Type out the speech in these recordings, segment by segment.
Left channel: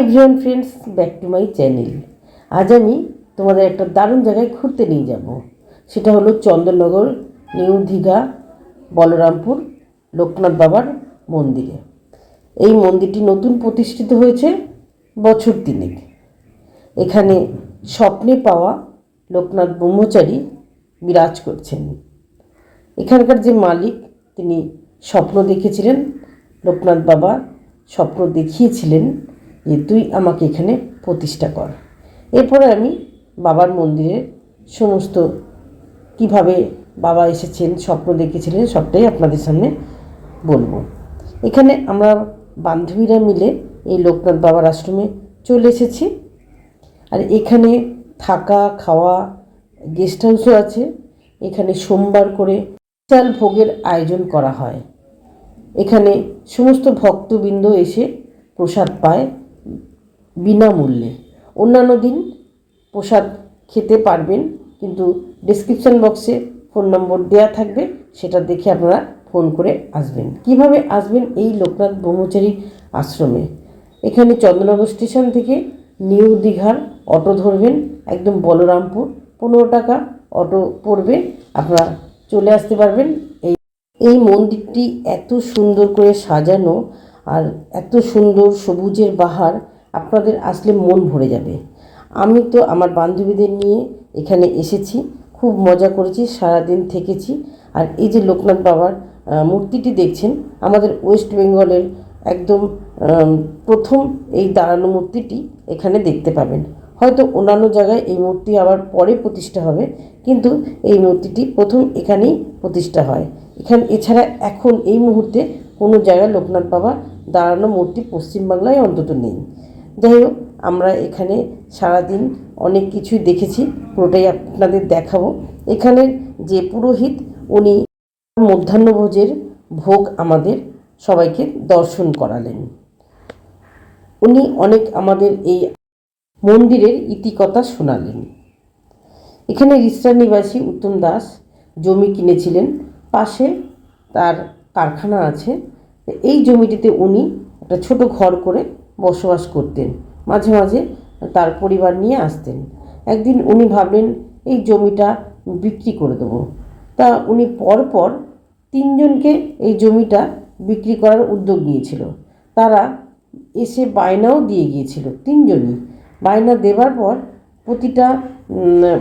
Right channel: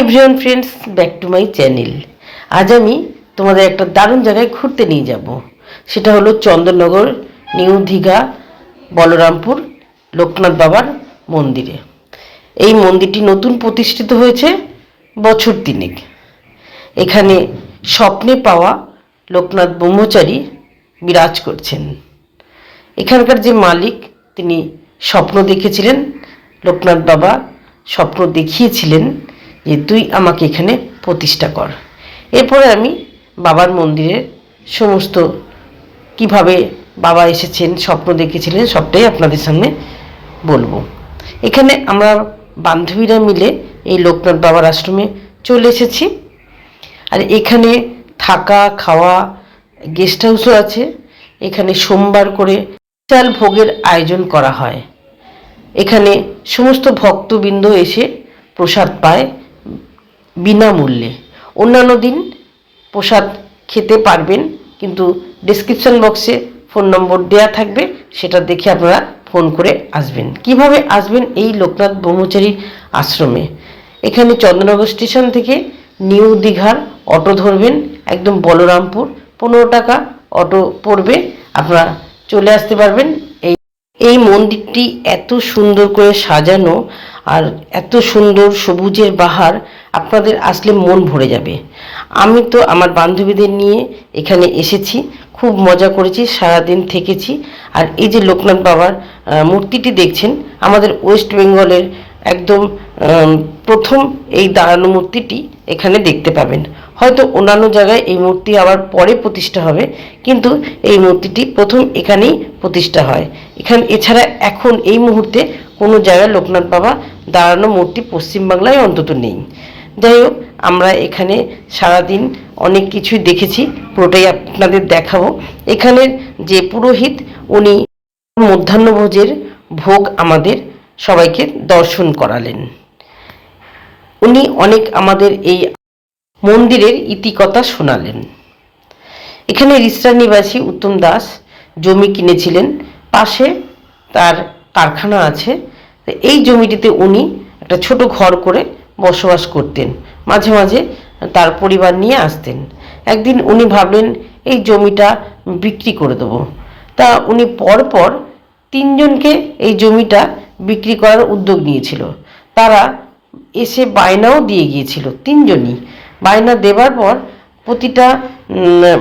Everyone friends back to my channel আজ আমি তোমাদের একটা দারুণ জায়গায় ঘুরতে নিয়ে যাব। সেটা হলো চন্দননগর নিউ দীঘা, বলরামপুর, লোকনাথ বাবার মন্দিরে। এই মন্দিরটি নতুন প্রতিষ্ঠিত হয়েছে বছর তিনেক। এখানে স্বপ্নে পাওয়া লোকনাথ ব্রহ্মচারী বিরাজ করছেন। এখানকার যে মালিক, তিনি স্বপ্ন দেখেছিলেন, লোকনাথ বাবা স্বপ্ন দেখিয়েছিলেন। যে তুই আমাকে এখানে প্রতিষ্ঠা কর। এরপরে আমি বাবার মন্দিরের সমস্ত কীভাবে বাবা এসেছেন, স্বপ্ন দেখেছিলেন, সবটাই আপনাদের সামনে বলব। এখানে আমরা বান্ধবীরা মিলে এই লোকনাথ বাবার আশ্রমে চলে এসেছি। আর এখানে থাকা, খাওয়া গেস্ট হাউসও আছে। এখানে সোমবার করে বিশাল ভোগের আয়োজন করা হয়। এখানে সমস্ত ভক্তবৃন্দ এসে প্রসাদ পায়। বিনামূল্যে। অন্যান্য দিন প্রসাদ খেতে পারবেন, কিন্তু ডেসক্রিপশন বক্সে ফোন নম্বর দেয়া থাকবে, সেটা দেখে আপনারা ফোন করে আসবেন। কীভাবে আসবেন এই লোকনাথ ব্রহ্মচারীর আশ্রমে? এখানে চন্দ্রনগর স্টেশন থেকে নিউ দীঘার অটো ধরবেন, একদম বলরামপুর, পনেরো টাকা অটো পড়বে, আপনারা চলে আসতে পারবেন। এই এই মন্দিরটি এত সুন্দর করে সাজানো আর এত সুন্দর সবুজের বাহার আপনাদের আসলে মন ভরে যাবে। আমি তো আমার বান্ধবীদের নিয়ে এখানে এসেছি, খুব মজা করেছি, সারাদিন থেকেছি। আর এই যে লোকনাথ বাবার মূর্তিটি দেখছেন, আমাদের ওয়েস্ট বেঙ্গলের একদম প্রথম এই দাঁড়ানো মূর্তিটি এখানে দেখতে পাবেন। হয়তো অন্যান্য জায়গায় এই মূর্তি আবার পরে প্রতিষ্ঠা হবে, কিন্তু এই মূর্তিটি প্রথম এখানেই প্রতিষ্ঠা হয়। এখানে, এছাড়া এখন এই মুহূর্তে কোনো জায়গায় লোকনাথ বাবা দাঁড়ানো মূর্তি পশ্চিমবাংলায় অন্তত নেই। যাই হোক, আমরা এখানে সারাদিন অনেক কিছুই দেখেছি, পুরোটাই আপনাদের দেখাবো। এখানের যে পুরোহিত, উনি মধ্যাহ্নভোজের ভোগ আমাদের সবাইকে দর্শন করালেন। উনি অনেক আমাদের এই মন্দিরের ইতিকথা শোনালেন। এখানে রিসরা নিবাসী উত্তম দাস জমি কিনেছিলেন, পাশে তার কারখানা আছে। এই জমিটিতে উনি একটা ছোট ঘর করে বসবাস করতেন। মাঝে মাঝে তার পরিবার নিয়ে আসতেন। একদিন উনি ভাবলেন, এই জমিটা বিক্রি করে দেবো। তা উনি পরপর তিনজনকে এই জমিটা বিক্রি করার উদ্যোগ নিয়েছিল। তারা এসে বায়নাও দিয়ে গিয়েছিল, তিনজনই। বায়না দেবার পর প্রতিটা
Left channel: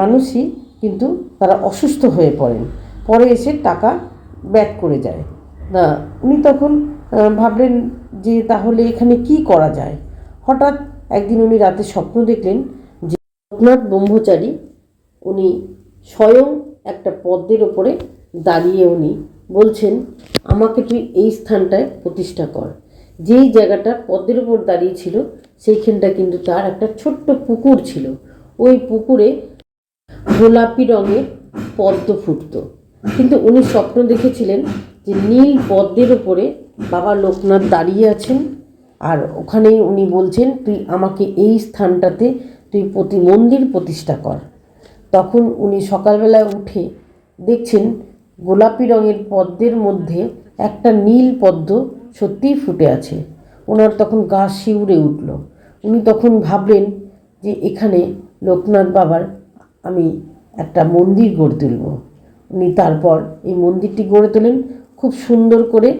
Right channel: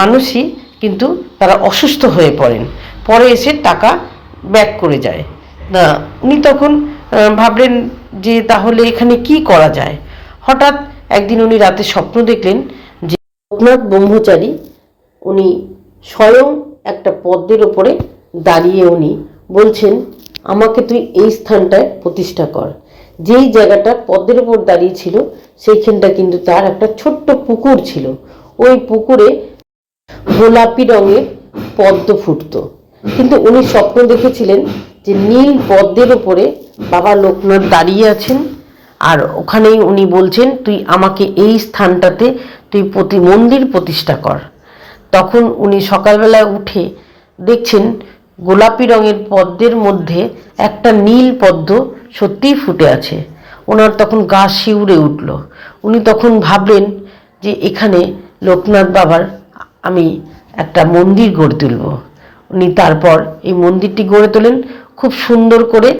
মানুষই কিন্তু তারা অসুস্থ হয়ে পড়েন। পরে এসে টাকা ব্যাক করে যায়। না উনি তখন ভাবলেন যে তাহলে এখানে কি করা যায়? হঠাৎ একদিন উনি রাতে স্বপ্ন দেখলেন যে লোকনাথ ব্রহ্মচারী উনি স্বয়ং একটা পদ্মের ওপরে দাঁড়িয়ে উনি বলছেন, আমাকে তুই এই স্থানটায় প্রতিষ্ঠা কর। যেই জায়গাটা পদ্মের ওপর দাঁড়িয়েছিল, সেইখানটা কিন্তু তার একটা ছোট্ট পুকুর ছিল। ওই পুকুরে গোলাপি রঙের পদ্ম ফুটতো। কিন্তু উনি স্বপ্ন দেখেছিলেন যে নীল পদ্মের ওপরে বাবা লোকনাথ দাঁড়িয়ে আছেন আর ওখানেই উনি বলছেন, তুই আমাকে এই স্থানটাতে তুই প্রতি মন্দির প্রতিষ্ঠা কর। তখন উনি সকালবেলায় উঠে দেখছেন গোলাপি রঙের পদ্মের মধ্যে একটা নীল পদ্ম সত্যিই ফুটে আছে। ওনার তখন গা শিউরে উঠল। উনি তখন ভাবলেন যে এখানে লোকনাথ বাবার আমি একটা মন্দির গড়ে তুলব। উনি তারপর এই মন্দিরটি গড়ে তোলেন, খুব সুন্দর করে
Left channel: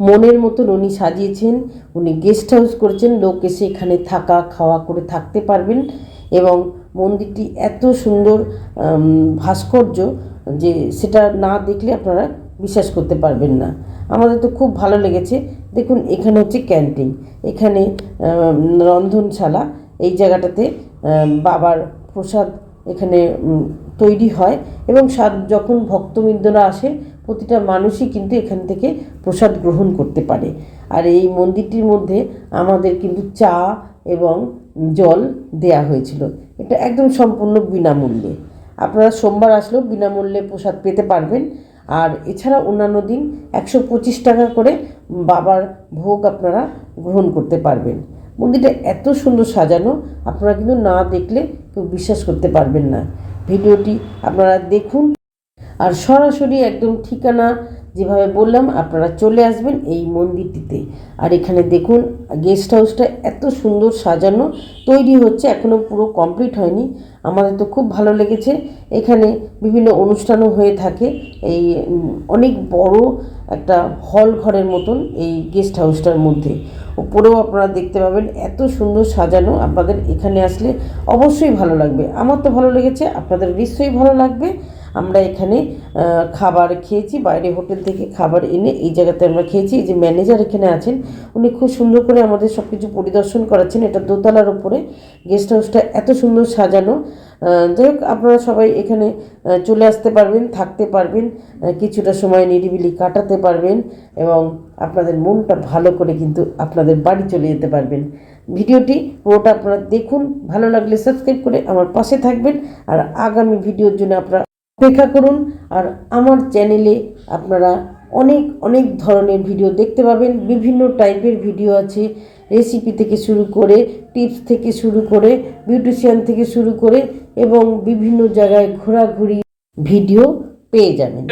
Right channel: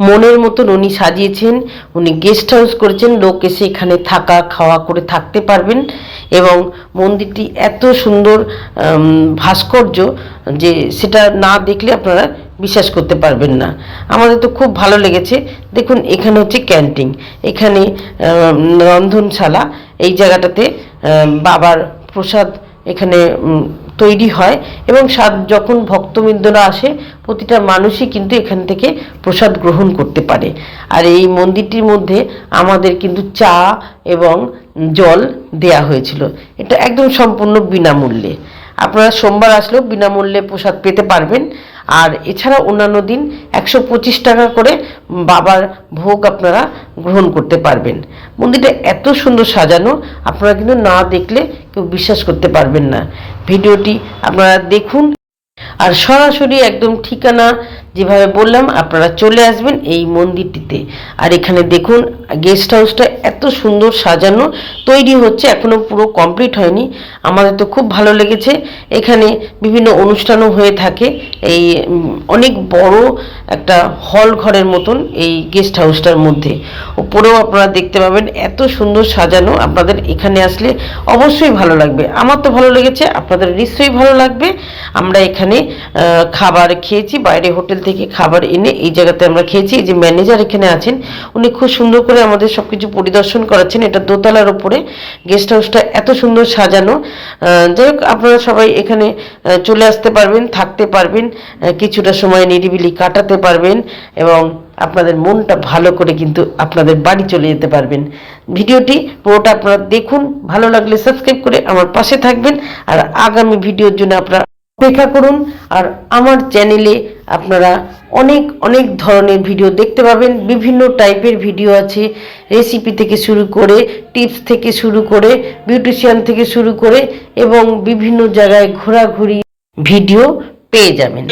মনের মতন উনি সাজিয়েছেন, উনি গেস্ট হাউস করেছেন, লোক এসে এখানে থাকা, খাওয়া করে থাকতে পারবেন এবং মন্দিরটি এত সুন্দর ভাস্কর্য যে সেটা না দেখলে আপনারা বিশ্বাস করতে পারবেন না। আমাদের তো খুব ভালো লেগেছে। দেখুন, এখানে হচ্ছে ক্যান্টিন এখানে রন্ধনশালা। এই জায়গাটাতে বাবার প্রসাদ এখানে তৈরি হয় এবং যখন ভক্তবৃন্দরা আসে প্রতিটা মানুষই কিন্তু এখান থেকে প্রসাদ গ্রহণ করতে পারে। আর এই মন্দিরটির মধ্যে আমাদের কিন্তু চা এবং জল দেয়া হয়েছিল। এটা একদম সম্পূর্ণ বিনামূল্যে। আপনারা সোমবার আসলেও বিনামূল্যে প্রসাদ পেতে পারবেন। আর এছাড়া অন্যান্য দিন একশো পঁচিশ টাকা করে বাবার ভোগ আপনারা গ্রহণ করতে পারবেন। মন্দিরটা এত সুন্দর সাজানো, আপনারা কিন্তু না দেখলে কেউ বিশ্বাস করতে পারবেন না। ভিডিওটি আপনারা দেখুন আর সরাসরি একদম ঠিকানা যেভাবে বললাম, আপনারা চলে আসবেন এই মন্দিরটিতে। আর এখানে দেখুন গেস্ট হাউসটা এত সুন্দর সাজানো, তৈরি হচ্ছে এখনও পুরো কমপ্লিট হয়নি। আমাদের তো খুব ভালো লেগেছে। এখানে বিভিন্ন অনুষ্ঠানও হয়ে থাকে। এই অনেক বড় একটা হল ঘরের মতন এই গেস্ট হাউসটার মধ্যে। উপরেও আপনারা দেখতে পাবেন, এত সুন্দর সাজানো। আপনাদের এখানে আসলে অবশ্যই ভালো লাগবে। আমার তো ভালো লেগেছে, আপনাদের নিশ্চয়ই ভালো লাগবে। আমরা এখানে খাবার খেয়েছি, বাইরে হোটেল থেকে খাবার এনে এই জায়গাতে আমরা খেয়েছি। যে ম্যানেজার এখানে আছেন, উনি খুব সুন্দর করে আমাদের সব কিছু পরিদর্শন করাচ্ছেন। এটা দোতলার ওপরে গেস্ট হাউসটা এত সুন্দর সাজানো। যাই হোক, আপনারা সবাই এখানে চলে আসতে পারবেন, থাকতে পারবেন কিছুটা সময় নিরিবিলি কাটাতে পারবেন এবং আপনাদের মনটা ভালো করে কিন্তু আপনাদের বাড়ি চলে যেতে পারবেন। ভিডিওটি পুরোটা আপনারা দেখুন, ভালো লাগলে সাবস্ক্রাইব করে আমার পাশে থাকবেন। আর আগামী ভিডিওর জন্য আপনারা অপেক্ষা করুন আর আমার চ্যানেলে আপনারা অনেক অনেক ধরনের ভিডিও দেখতে পাবেন। বিভিন্ন টাইপের ভিডিও আছে। রেসিপি থেকে শুরু করে টিপস থেকে শুরু করে বিউটিশিয়ান থেকে শুরু করে এবং বিভিন্ন জায়গায় ঘোরাঘুরি ভিডিও পেয়ে যাবেন।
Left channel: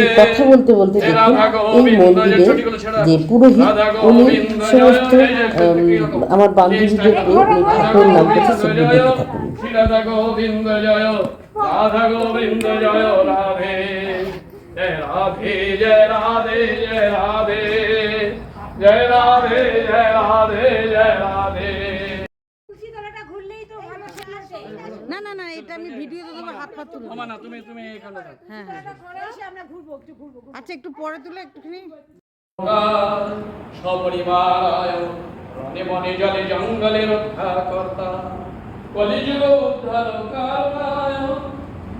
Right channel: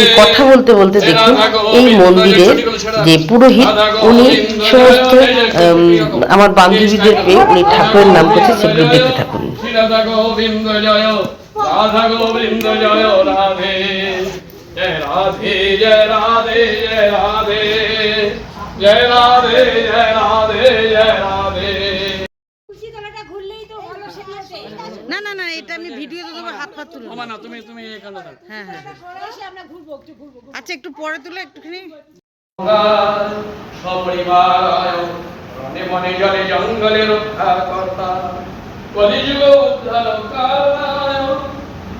এই কথা বলতে বলতে দেখুন, এই মন্দিরের যে পুরোহিত, উনি সমস্ত আমার বান্ধবীদের পেয়ে উনি ঠাকুরের নাম করছে, সেগুলো দেখতে থাকুন। রাধা গোবিন্দ জয় রাধা জয় রাধে জয় রাধে জয় রাধে জয় রাধে জয় রাধে জয় রাধে তো না না না এটা আমি ভিডিওতে দেবো হাত পা তুলে। না তুমি তুমি এখানে থাকো হ্যাঁ হ্যাঁ হ্যাঁ। আমরা ঘুরবো একটু ঘুরবো আচ্ছা একটু পরে তুলে একটুখানি। সপরিবার রণে বনে জলে জঙ্গলে রক্ষা কর্তা কলিযুগ উদ্ধার কারণায়